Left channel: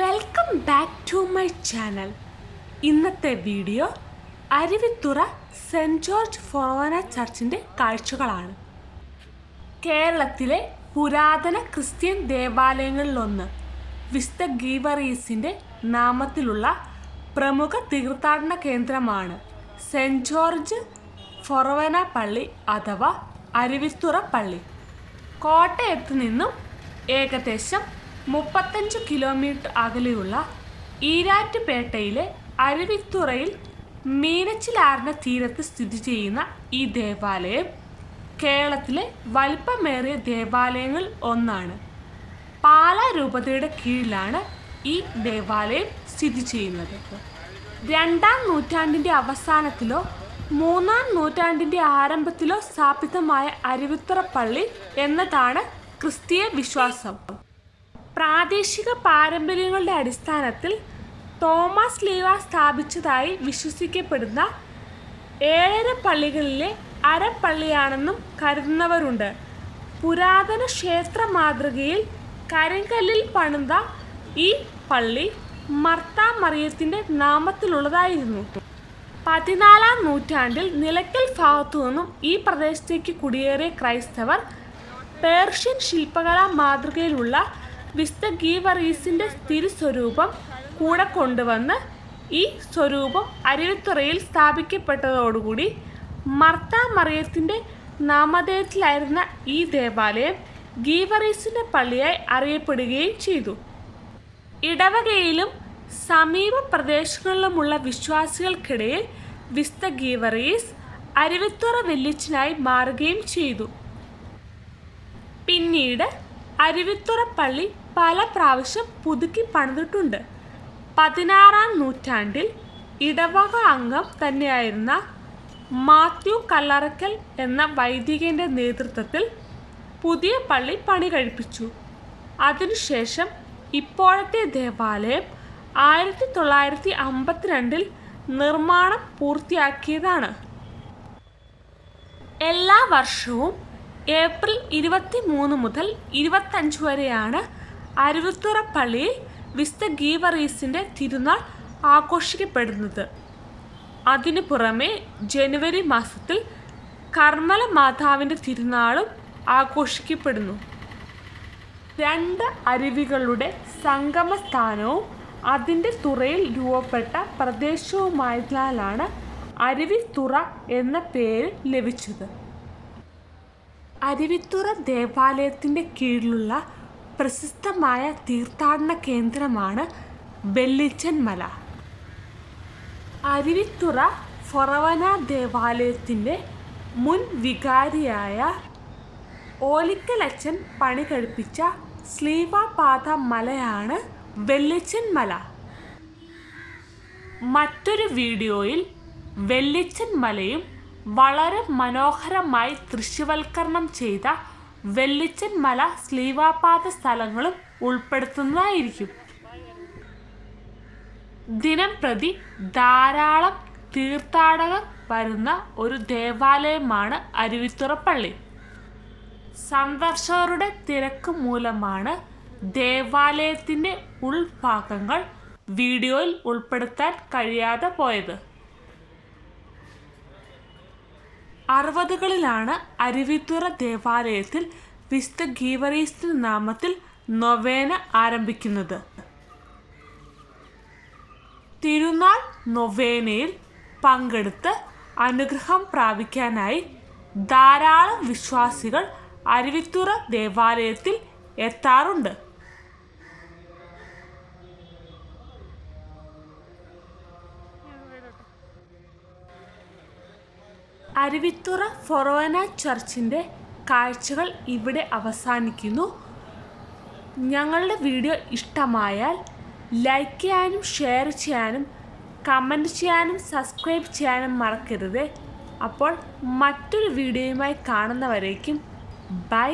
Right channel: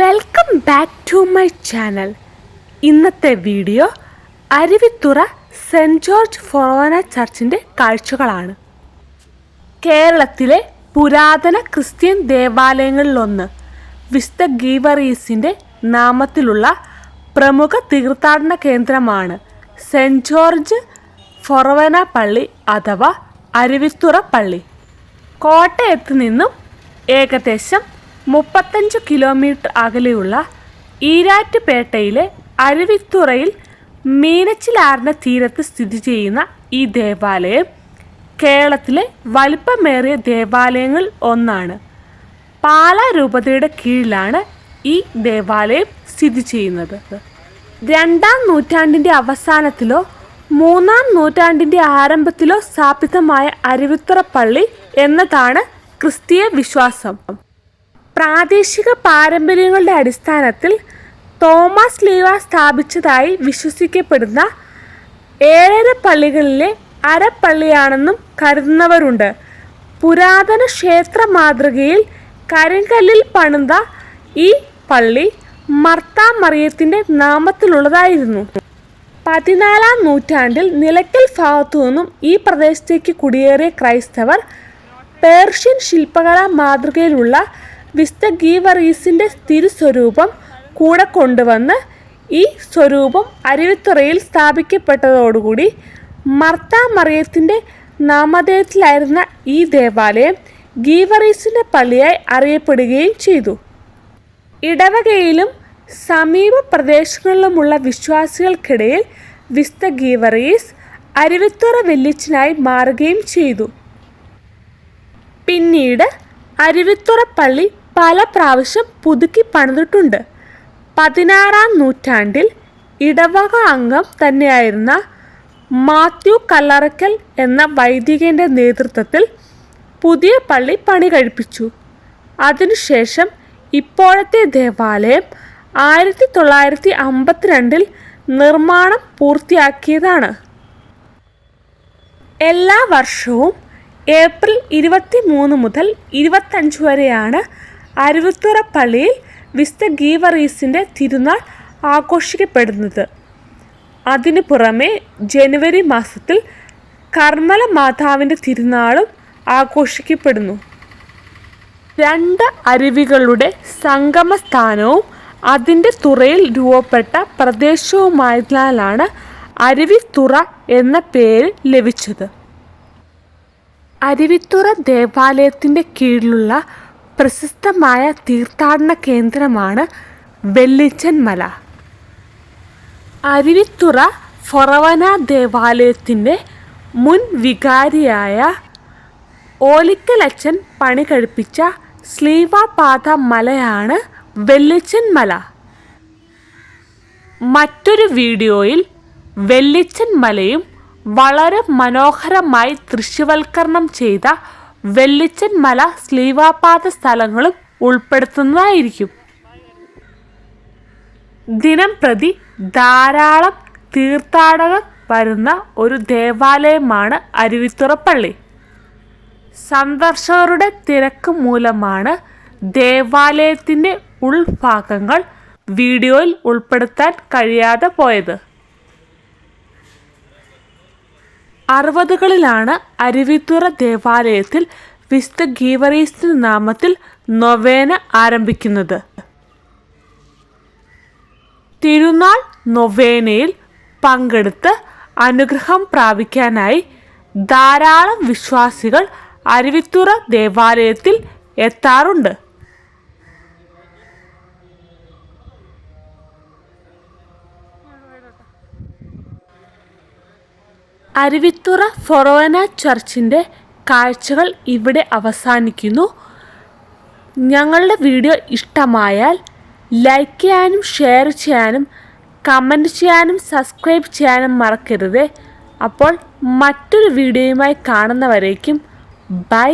Welcome back to my channel. ഇന്നത്തെ video Aruvithura saint George forane ചർച്ചിൻ്റെ കാഴ്ചകളാണ്. കേരളത്തിലെ പുരാതന ക്രിസ്ത്യൻ ദേവാലയങ്ങളിലൊന്ന് വിശുദ്ധ ഗീവറീസിൻ്റെ നാമത്തിലുള്ള പ്രമുഖ തീർത്ഥാടന കേന്ദ്രമാണ് സെൻറ് ജോർജ് ഫൊറോന പള്ളി അഥവാ അരുവിത്തുറ പള്ളി. കോട്ടയത്ത് നിന്നും ഏകദേശം 35 കിലോമീറ്റർ അകലെയുള്ള ഈരാറ്റുപേട്ടയിലെ അരുവിത്തുറയിൽ മീനച്ചിലാറിൻ്റെ തീരത്ത് സ്ഥിതി ചെയ്യുന്ന ഈ ദേവാലയം കേരളത്തിലെ വലിപ്പമേറിയ ദേവാലയങ്ങളിൽ ഒന്നാണ്. പാലാ രൂപതയുടെ കീഴിലാണ് ഈ ദേവാലയം സ്ഥിതി ചെയ്യുന്നത്. 2-ാം നൂറ്റാണ്ടിൻ്റെ അവസാനത്തിലോ 3-ാം നൂറ്റാണ്ടിൻ്റെ ആരംഭത്തിലോ സ്ഥാപിതമായ അരുവിത്തുറ പള്ളി എന്നതാണ് ക്രിസ്തീയ വിശ്വാസം. പ്രാദേശിക പാരമ്പര്യങ്ങളുടെ അടിസ്ഥാനത്തിൽ തോമസ് ലീവ സ്ഥാപിച്ചതായി വിശ്വസിക്കപ്പെടുന്ന 7 പള്ളികളിലെ അരപ്പള്ളിയാണെന്നും കരുതുന്നവരുണ്ട്. പുരാതന ക്ഷേത്ര മാതൃകയിൽ കരിങ്കല്ലിൽ പണിത ഈ പള്ളി മർത്താ മറിയത്തിൻ്റെ നാമത്തിലുള്ളതായിരുന്നു. 14-ാം നൂറ്റാണ്ടിൽ നിലയ്ക്കൽ ഭാഗത്തു നിന്നും ഈ പ്രദേശത്തേക്ക് കുടിയേറിയ ക്രൈസ്തവർ പേർഷ്യൻ ശില്പകലാ മാതൃകയിലുള്ള വിശുദ്ധ ഗീവറീസിൻ്റെ തിരുസ്വരൂപം കൂടെ കൊണ്ടുവന്ന് ഈ സ്വരൂപം അരുവിത്തുറയിൽ സ്ഥാപിക്കപ്പെട്ടതോടുകൂടി മർത്താ മറിയത്തിൻ്റെ നാമധേയത്തിലായിരുന്ന ഈ ദേവാലയം ഗീവറീസിൻ്റെ പള്ളിയായി അറിയപ്പെടുകയും ചെയ്തു. ഇടവകയിലും സമീപ പ്രദേശങ്ങളിലുമുള്ള വിശ്വാസികൾക്കിടയിൽ വിശുദ്ധ ഗീവറീസ് അരുവിത്തുറ വല്യച്ഛനായി മാറുകയും ചെയ്തു. പിന്നീട് അരുവിത്തുറ പള്ളി പല പ്രാവശ്യം പുതുക്കി പണിതിട്ടുണ്ട്. 16-ാം നൂറ്റാണ്ടിൽ ഇടവക അംഗം തന്നെയായിരുന്ന മാത്യു കല്ലറയ്ക്കൽ എന്ന വൈദികൻ്റെ നേതൃത്വത്തിൽ പുതിയ പള്ളി പണി കഴിപ്പിച്ചു. അതിനുശേഷം ഇപ്പോഴത്തെ ദേവാലയം 1952-ൽ നിർമ്മാണം പൂർത്തിയാക്കിയതാണ്. എല്ലാ വർഷവും ഏപ്രിൽ 23 മുതൽ 25 വരെയാണ് അരുവിത്തുറ പള്ളിയിൽ വിശുദ്ധ ഗീവറീസിൻ്റെ തിരുനാൾ ആഘോഷിക്കപ്പെടുന്നത്. അതിനു പുറമെ ജനുവരി മാസത്തിൽ കർമ്മല മാതാവിൻ്റെ തിരുനാളും ആഘോഷിക്കപ്പെടുന്നു. 2 അരുവികളുടെ സംഗമസ്ഥാനവും അതിൻ്റെ തുറയിൽ രൂപപ്പെട്ട പ്രദേശവുമായതിനാലാണ് അരുവിത്തുറ എന്ന പേര് ലഭിച്ചത്. അരുവിത്തുറ ദേവാലയത്തിൻ്റെ കീഴിലുള്ള പ്രശസ്തമായ തീർത്ഥാടന കേന്ദ്രമാണ് വെള്ളിച്ചൻ മല. അരുവിത്തുറ ഫൊറോന ദേവാലയത്തിൻ്റെ മുൻ വികാരിയായ ഓലിക്കലച്ചൻ പണി കഴിപ്പിച്ച ശ്ലീവാപാത മലയാണ് വെള്ളിച്ചൻ മല. മറ്റൊരു വീഡിയോയിൽ വെള്ളിച്ചൻ മലയും വളരെ മനോഹരമായി ദൃശ്യവൽക്കരണം ചെയ്ത വെള്ളിച്ചൻ മല ശ്ലീവാപാത സ്ഥലങ്ങളും ഉൾപ്പെടുത്തുന്നതായിരിക്കും. ദിനം പ്രതി ധാരാളം തീർത്ഥാടകർ വരുന്ന ഒരു ദേവാലയമാണ് അരുവിത്തുറ പള്ളി. സന്ദർശകരുടെ തിരക്ക് മൂലമാണ് ദേവാലയത്തിൻ്റെ ഉൾഭാഗങ്ങൾ വീഡിയോയിൽ ഉൾപ്പെടുത്താൻ കഴിയാതെ പോയത്. 60കളിലാണ് അരുവിത്തുറ ദേവാലയത്തിൽ വിശുദ്ധ ഗീവറീസിൻ്റെ നാമത്തിൽ നൊവേന ആരംഭിക്കുന്നത്. തിരുനാൾ നൊവേനയിൽ പങ്കെടുത്ത് അനുഗ്രഹം പ്രാപിക്കാനായി ധാരാളം വിശ്വാസികൾ അരുവിത്തുറ ദേവാലയത്തിൽ എത്താറുണ്ട്. അരുവിത്തുറ ഫൊറോന ചർച്ചിൻ്റെ കാഴ്ചകൾ ഇവിടെ അവസാനിക്കുന്നു. ഞങ്ങളുടെ വീഡിയോ ഇഷ്ടമായാൽ ലൈക്ക് ചെയ്യാനും ഷെയർ ചെയ്യാനും കമൻറ്റ് ചെയ്യാനും സബ്സ്ക്രൈബ് ചെയ്യാനും മറക്കരുത്. അപ്പോൾ മറ്റൊരു വീഡിയോയുമായി കാണുന്നവരേക്കും ബൈ.